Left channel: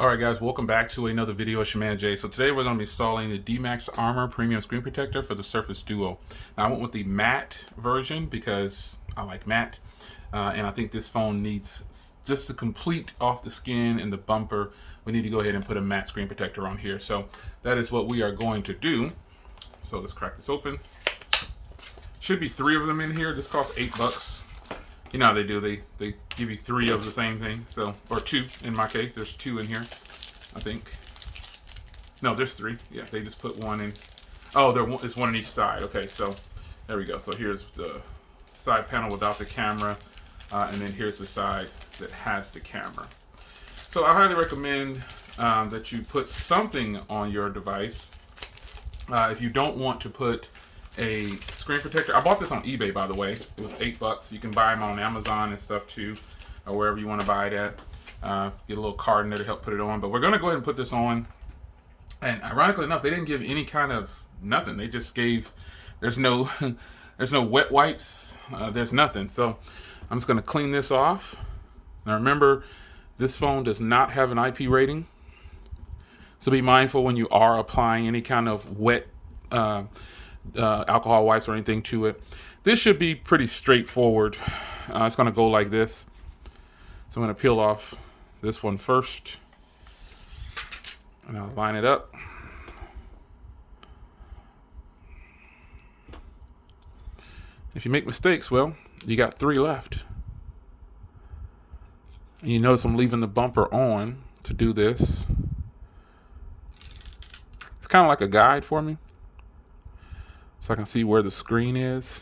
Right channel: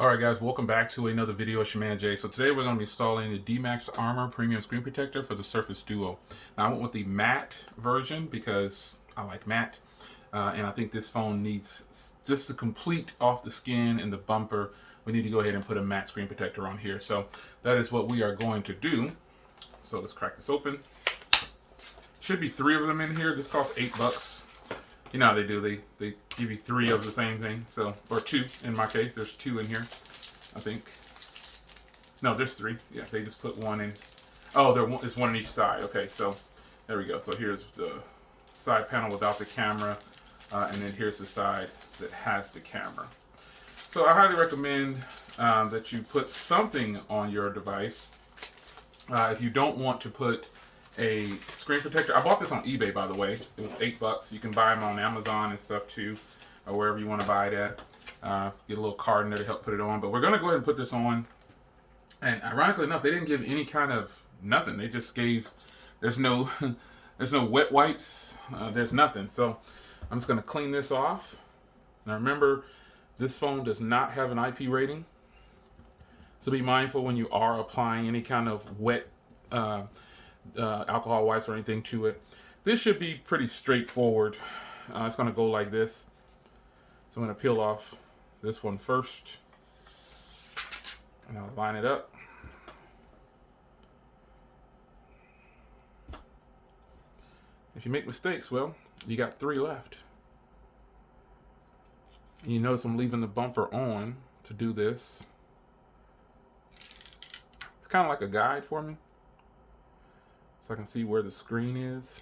Alright guys, welcome back to another video. It's your man Jay. So today we're going to be installing the D-Max Armor Premium Screen Protector for the Surface Duo. Now I went with the matte version because I like matte. And I think this phone needs just to complete off the skin and the bumper. We need to go ahead and put a matte screen protector on here. So that is what we are going to do. So let's crack this open. Should be 3 of them in here. This costs $8. You know how they do, they give you 3 of the same thing, so, or 2 in my case. There's 2 in here, I think. No, there's 3. Yeah, they just put 1 in. Oh, there's 1 on each side. Okay, so there we go. So here's the side panel without the camera, and then here's the side that has the camera. So I highly recommend that you put something on your device. If you don't want to put a screen protector, I bought this on eBay, by the way. It was $8. You can buy them on Amazon and stuff too, or wherever you want to buy it at. Get a little card in there to help put it on. But we're going to go ahead and put this on. And ironically enough, they didn't give any kind of nothing. They just gave, there's no there's no wet wipes. There's nothing. So I'm just going to clean this off. Now remember, this phone does not have an IP rating. So be mindful when you are applying any kind of wet alcohol wipes or anything to it. This should be pretty straightforward. It's going to go like this. So I'm going to peel off this one first. And I'll line it up. If you make mistakes, well, you got 3 left. And you notice I'm leaving the bumper on to do this. It's kind of like a guide for me, so I can see where the screen is.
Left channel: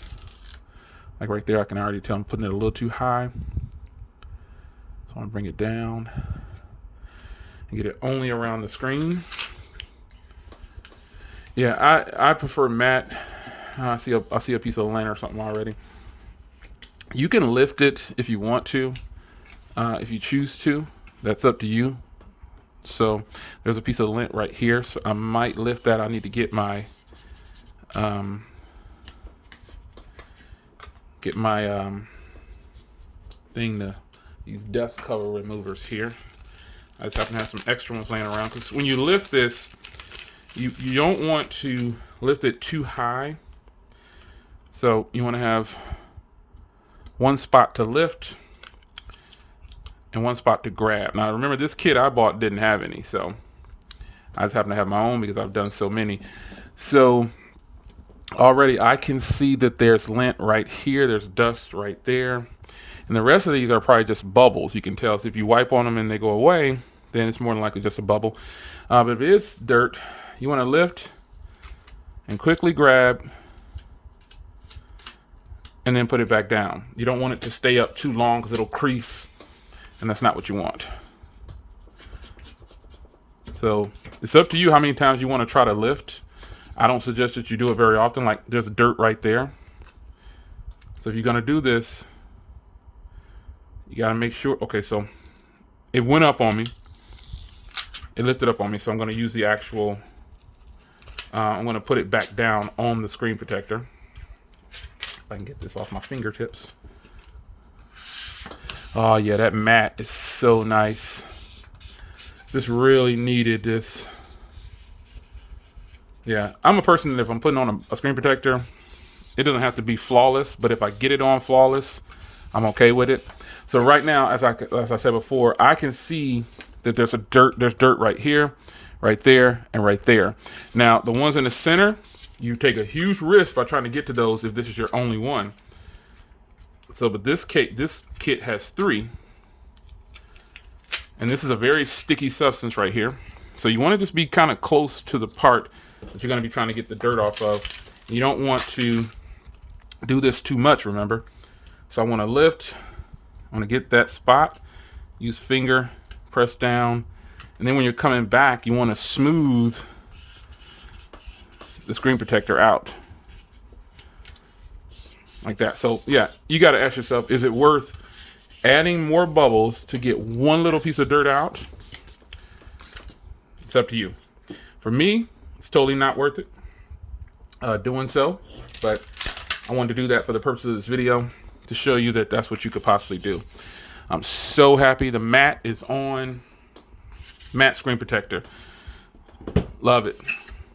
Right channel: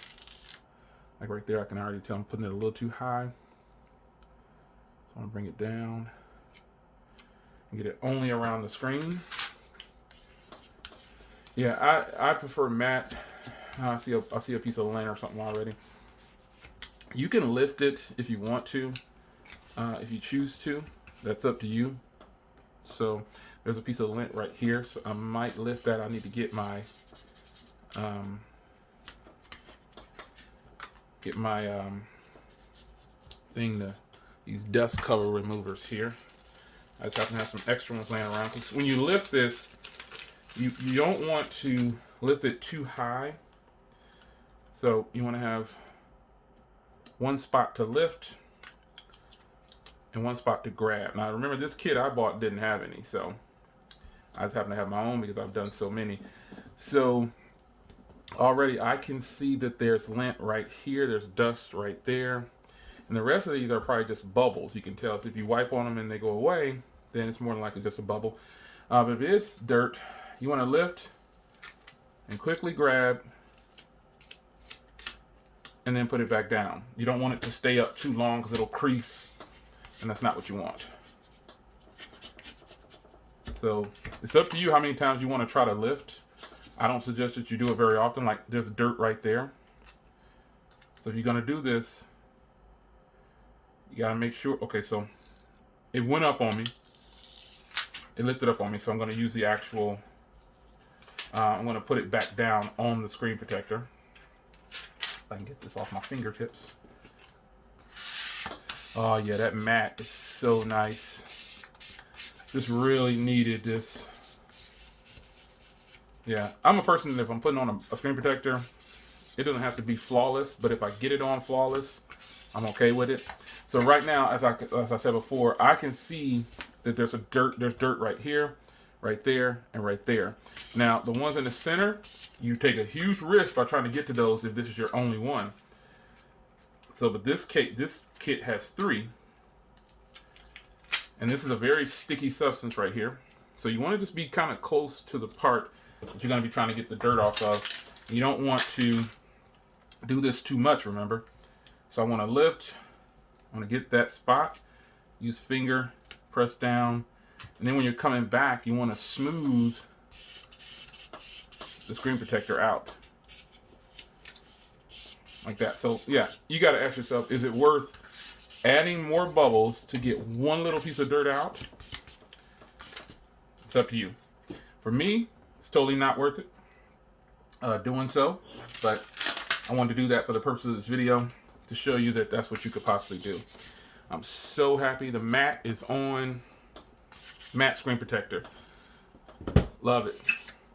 Like right there, I can already tell I'm putting it a little too high. So I'm gonna bring it down and get it only around the screen. Yeah, I prefer matte. I see a piece of lint or something already. You can lift it if you want to, if you choose to. That's up to you. So there's a piece of lint right here, so I might lift that. I need to get my these dust cover removers here. I just happen to have some extra ones laying around, because when you lift this, you don't want to lift it too high. So you want to have one spot to lift and one spot to grab. Now remember, this kit I bought didn't have any, so I just happen to have my own because I've done so many. So already I can see that there's lint right here, there's dust right there, and the rest of these are probably just bubbles. You can tell. So if you wipe on them and they go away, then it's more than likely just a bubble. But if it is dirt, you want to lift and quickly grab and then put it back down. You don't want it to stay up too long because it'll crease, and that's not what you want. So it's up to you how many times you want to try to lift. I don't suggest that you do it very often. Like, there's dirt right there. So if you're gonna do this, you gotta make sure. Okay, so it went up on me. It lifted up on me, so I'm gonna use the actual, I'm gonna put it back down on the screen protector. If I can get this off my fingertips. Oh yeah, that matte is so nice. Just really needed this. Yeah, I'm a person that if I'm putting on a screen protector, it doesn't have to be flawless, but if I get it on flawless, I'm okay with it. So right now, as I said before, I can see that there's dirt right here, right there, and right there. Now, the ones in the center, you take a huge risk by trying to get to those if this is your only one. So, but this kit has 3. And this is a very sticky substance right here. So you want to just be kind of close to the part that you're going to be trying to get the dirt off of. You don't want to do this too much, remember. So I want to lift. I want to get that spot. Use finger, press down. And then when you're coming back, you want to smooth the screen protector out. Like that. So yeah, you got to ask yourself, is it worth adding more bubbles to get one little piece of dirt out? It's up to you. For me, it's totally not worth it doing so, but I wanted to do that for the purpose of this video to show you that that's what you could possibly do. I'm so happy the matte is on. Matte screen protector. Love it.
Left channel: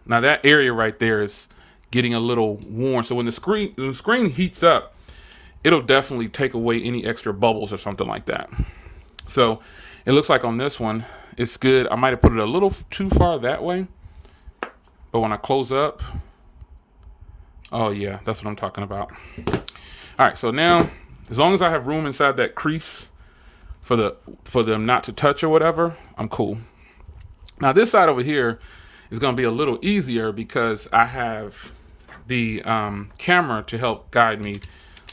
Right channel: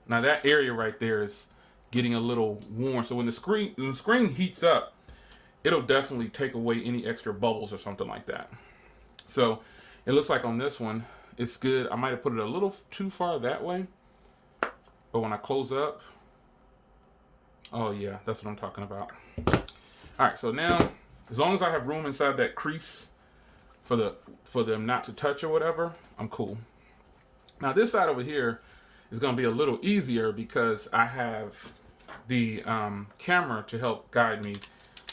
Now that area right there is getting a little worn. So when the screen heats up, it'll definitely take away any extra bubbles or something like that. So it looks like on this one, it's good. I might have put it a little too far that way. But when I close up, oh yeah, that's what I'm talking about. All right, so now, as long as I have room inside that crease for them not to touch or whatever, I'm cool. Now this side over here is gonna be a little easier because I have the camera to help guide me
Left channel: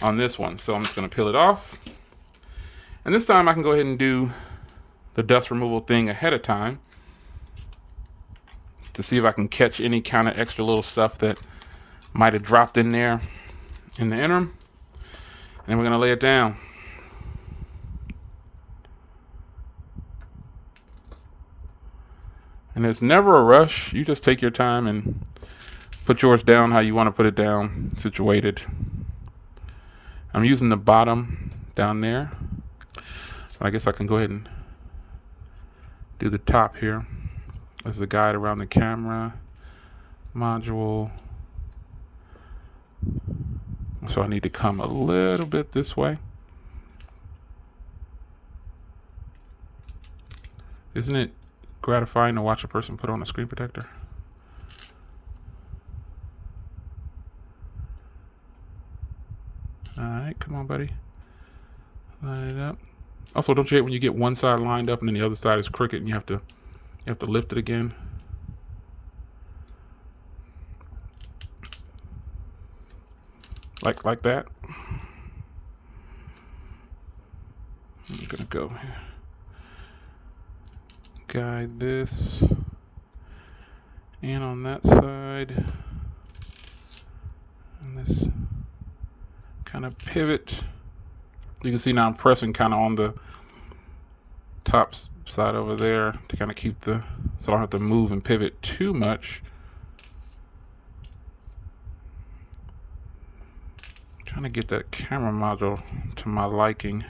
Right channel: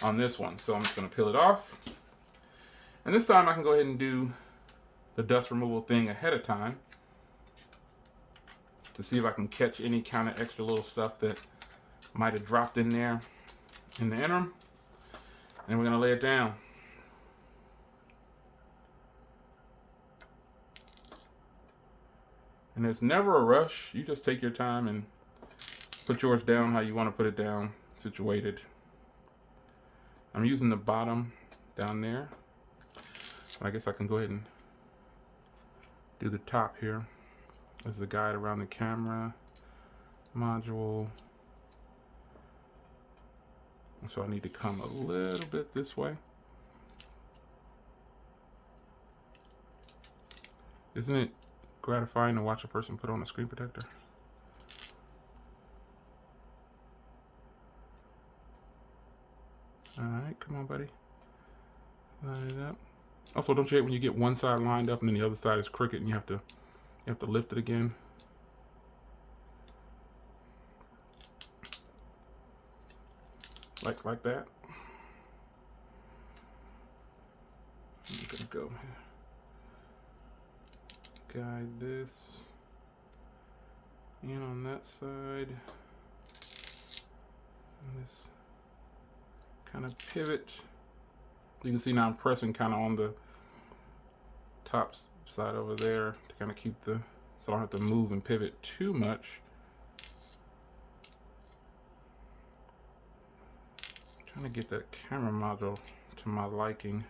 on this one. So I'm just gonna peel it off. And this time I can go ahead and do the dust removal thing ahead of time to see if I can catch any kind of extra little stuff that might have dropped in there in the interim. And we're gonna lay it down. And there's never a rush. You just take your time and put yours down how you want to put it down, situated. I'm using the bottom down there. I guess I can go ahead and do the top here. This is a guide around the camera module. So I need to come a little bit this way. Isn't it gratifying to watch a person put on a screen protector? All right, come on, buddy. Line it up. Also, don't you hate when you get one side lined up and then the other side is crooked and you have to lift it again? Like that. I'm gonna go here. Guide this. And on that side. And this kind of pivot. You can see now I'm pressing kind of on the top side over there to kind of keep so I don't have to move and pivot too much. Trying to get that camera module to my liking.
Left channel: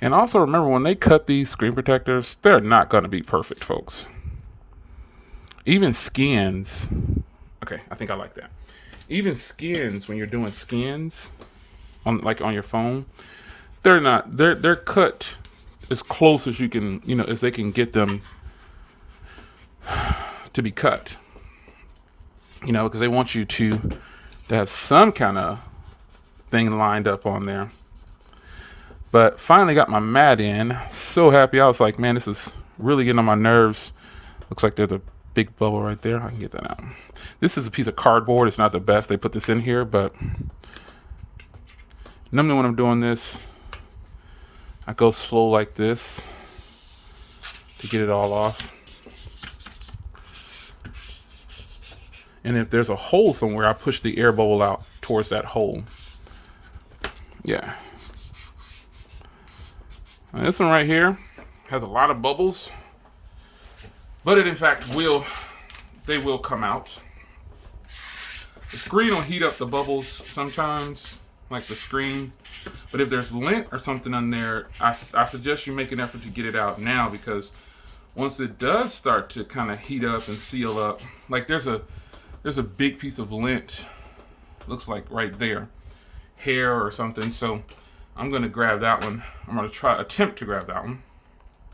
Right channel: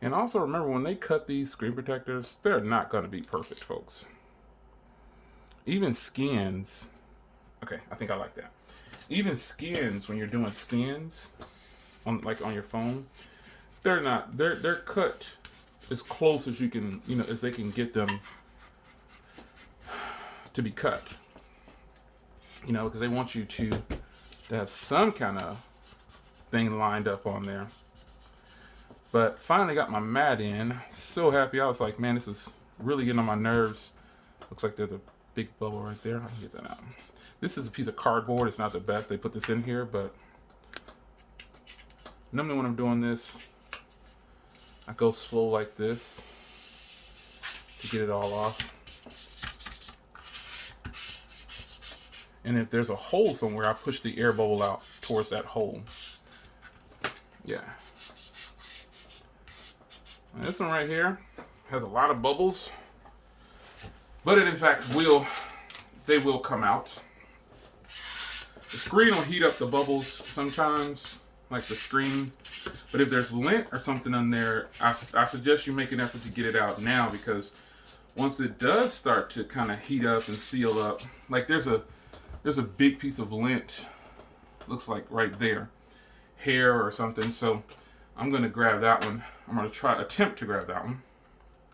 And also remember, when they cut these screen protectors, they're not going to be perfect, folks. Even skins. Okay, I think I like that. Even skins, when you're doing skins on your phone, they're cut as close as you can, as they can get them to be cut. Because they want you to have some kind of thing lined up on there. But finally got my mat in. So happy. I was like, man, this is really getting on my nerves. Looks like there's a big bubble right there. I can get that out. This is a piece of cardboard. It's not the best. They put this in here, but normally when I'm doing this, I go slow like this to get it all off. And if there's a hole somewhere, I push the air bubble out towards that hole. Yeah. And this one right here has a lot of bubbles, but it in fact will come out. The screen will heat up the bubbles sometimes, like the screen. But if there's lint or something on there, I suggest you make an effort to get it out now, because once it does start to kind of heat up and seal up, like there's a big piece of lint, looks like right there, hair or something. So I'm going to grab that one. I'm going to attempt to grab that one.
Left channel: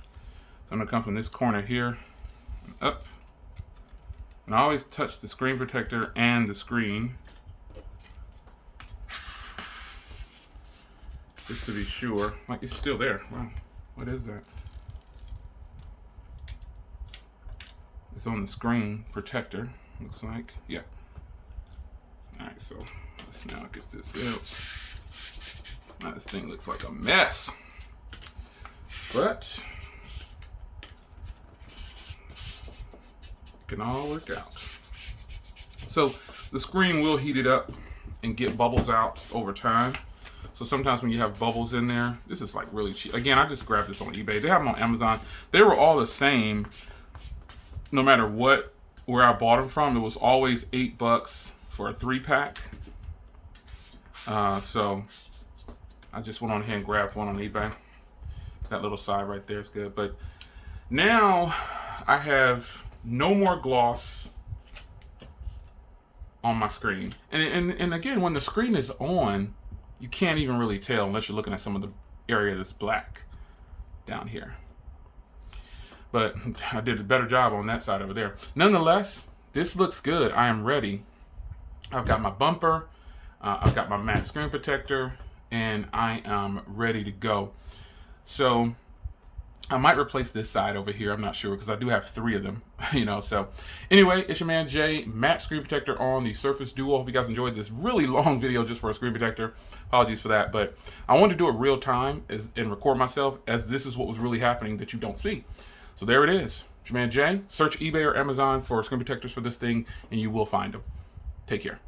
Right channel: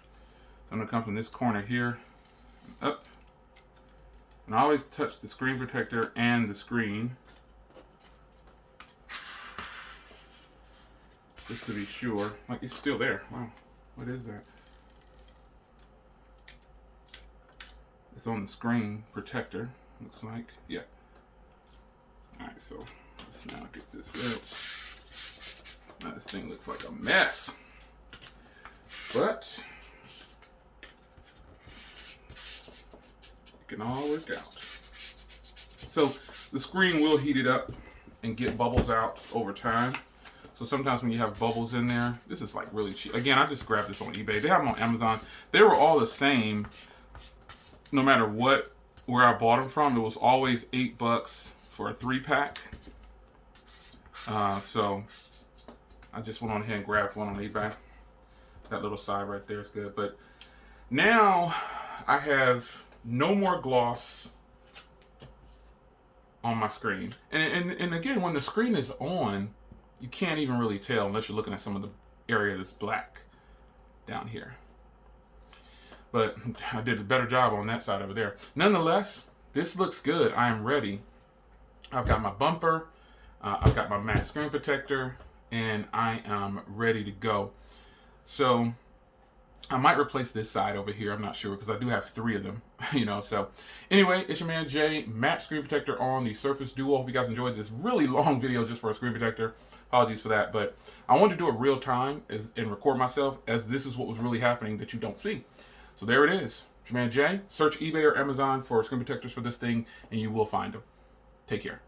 So I'm going to come from this corner here, up. And I always touch the screen protector and the screen, just to be sure. Like, it's still there. Wow, what is that? It's on the screen protector, looks like. Yeah. Alright, so let's now get this out. Now this thing looks like a mess, but it can all work out. So the screen will heat it up and get bubbles out over time. So sometimes when you have bubbles in there, this is like really cheap. Again, I just grabbed this on eBay. They have them on Amazon. They were all the same, no matter where I bought them from. It was always $8 for a 3-pack. So I just went on ahead and grabbed one on eBay. That little side right there is good. But now I have no more gloss on my screen. And again, when the screen is on, you can't even really tell unless you're looking at some of the area that's black down here. But I did a better job on that side over there. Nonetheless, this looks good. I am ready. I've got my bumper. I've got my matte screen protector. And I am ready to go. So I might replace this side over here. I'm not sure because I do have 3 of them, So anyway, it's your man Jay, matte screen protector on the Surface Duo. Hope you guys enjoyed this really long video just for a screen protector. Apologies for that, but I wanted to do it real time and record myself as this is what was really happening that you don't see. So there it is. It's your man Jay. Search eBay or Amazon for screen protectors for this thing and you will find them. Take care.